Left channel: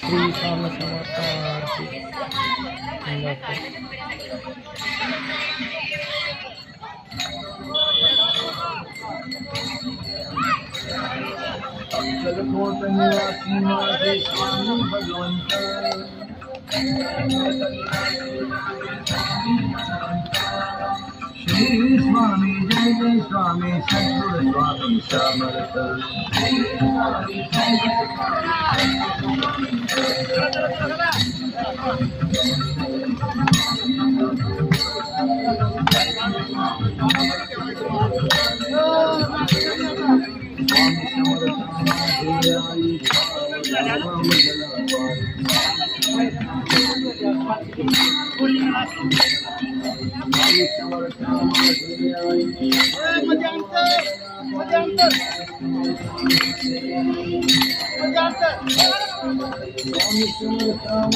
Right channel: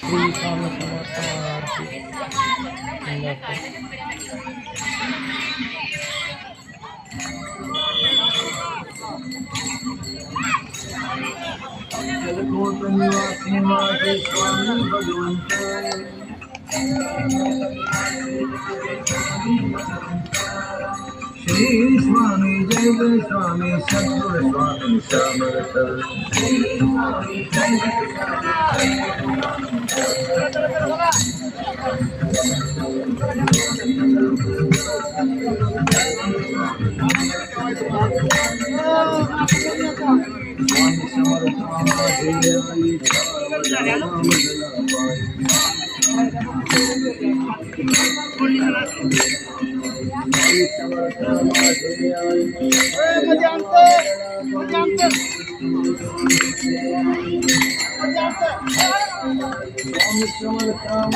श्री स्वामी समर्थ आरती जलकोट निवासी माझे स्वामी भगवंत श्री स्वामी जय जय स्वामी सद्गुरु स्वामी समर्थ स्वामी समर्थ माझे आई समर्थ माझे आई स्वामी समर्थ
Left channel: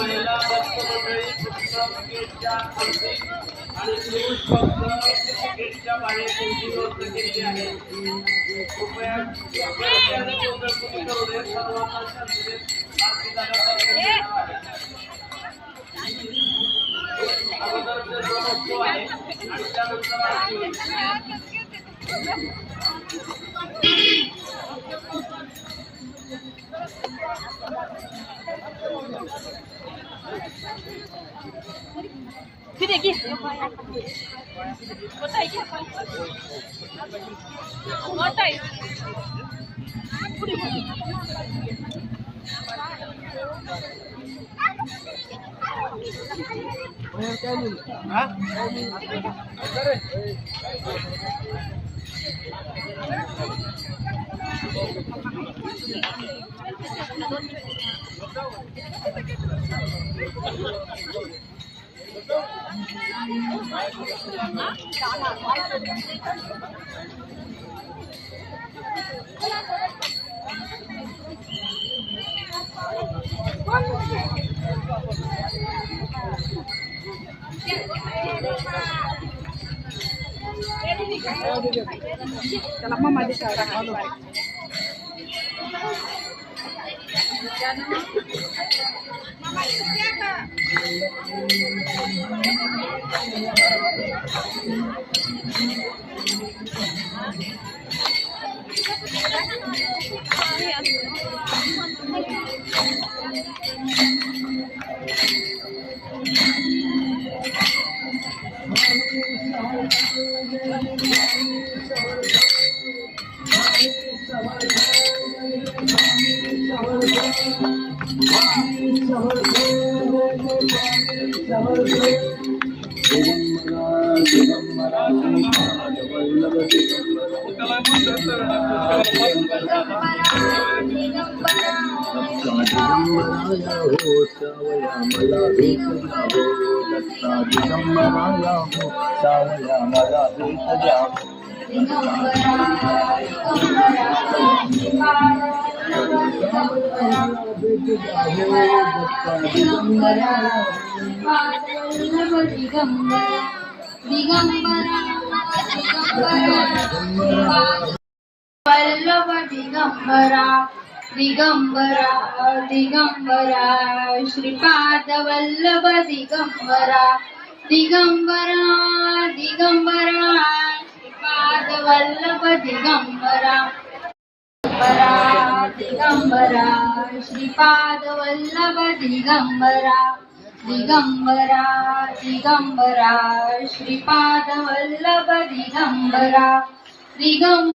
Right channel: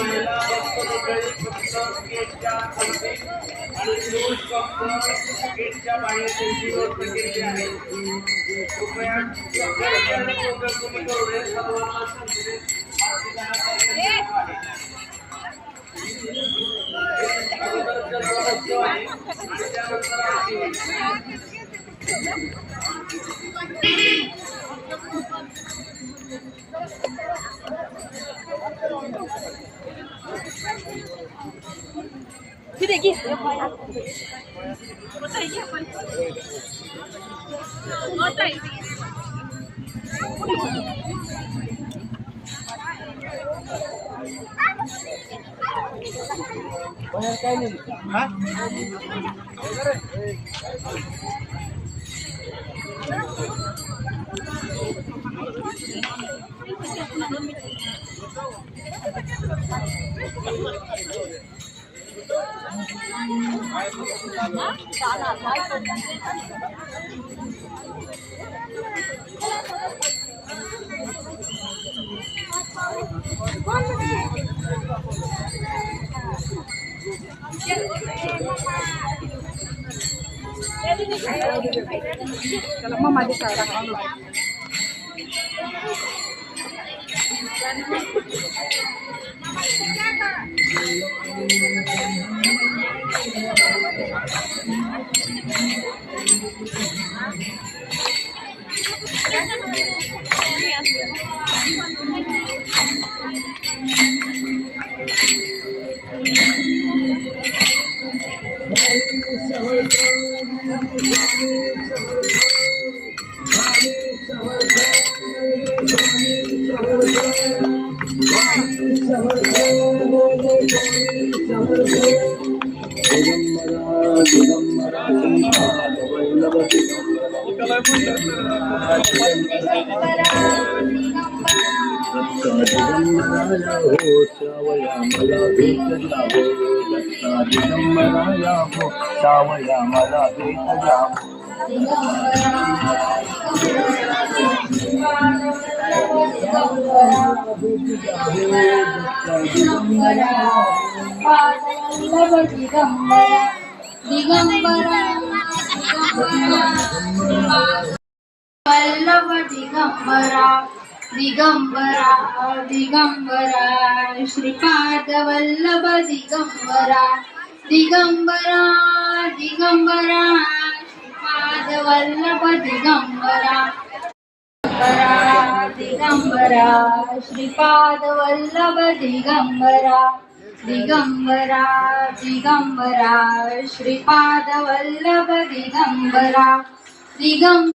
महिला भक्त मंडळी फक्त गेटच्या अंती आणि पुरुष भक्त गेटच्या बाहेर त्यांची व्यवस्था केलेली आहे. कृपया गर्दीने गोंधळ कमी करू नये. सर्वांना शांततेत आरती करण्याचा प्रयत्न आहे. अगोदर जन्मोत्सव आहे आणि त्यानंतर आरती होईल. Kalau mama di sana. दिगंबराया हो सावया मला भेट जावो दत्ता दिगंबराया हो सावया मला भेट जावो वल्लभ दिगंबरा दिगंबरा दिगंबरा श्रीपाद वल्लभ दिगंबरा दिगंबरा दिगंबरा श्रीपाद वल्लभ दिगंबरा दिगंबरा श्रीपाद वल्लभ दिगंबरा दिगंबरा दिगंबरा श्रीपाद वल्लभ दिगंबरा दिगंबरा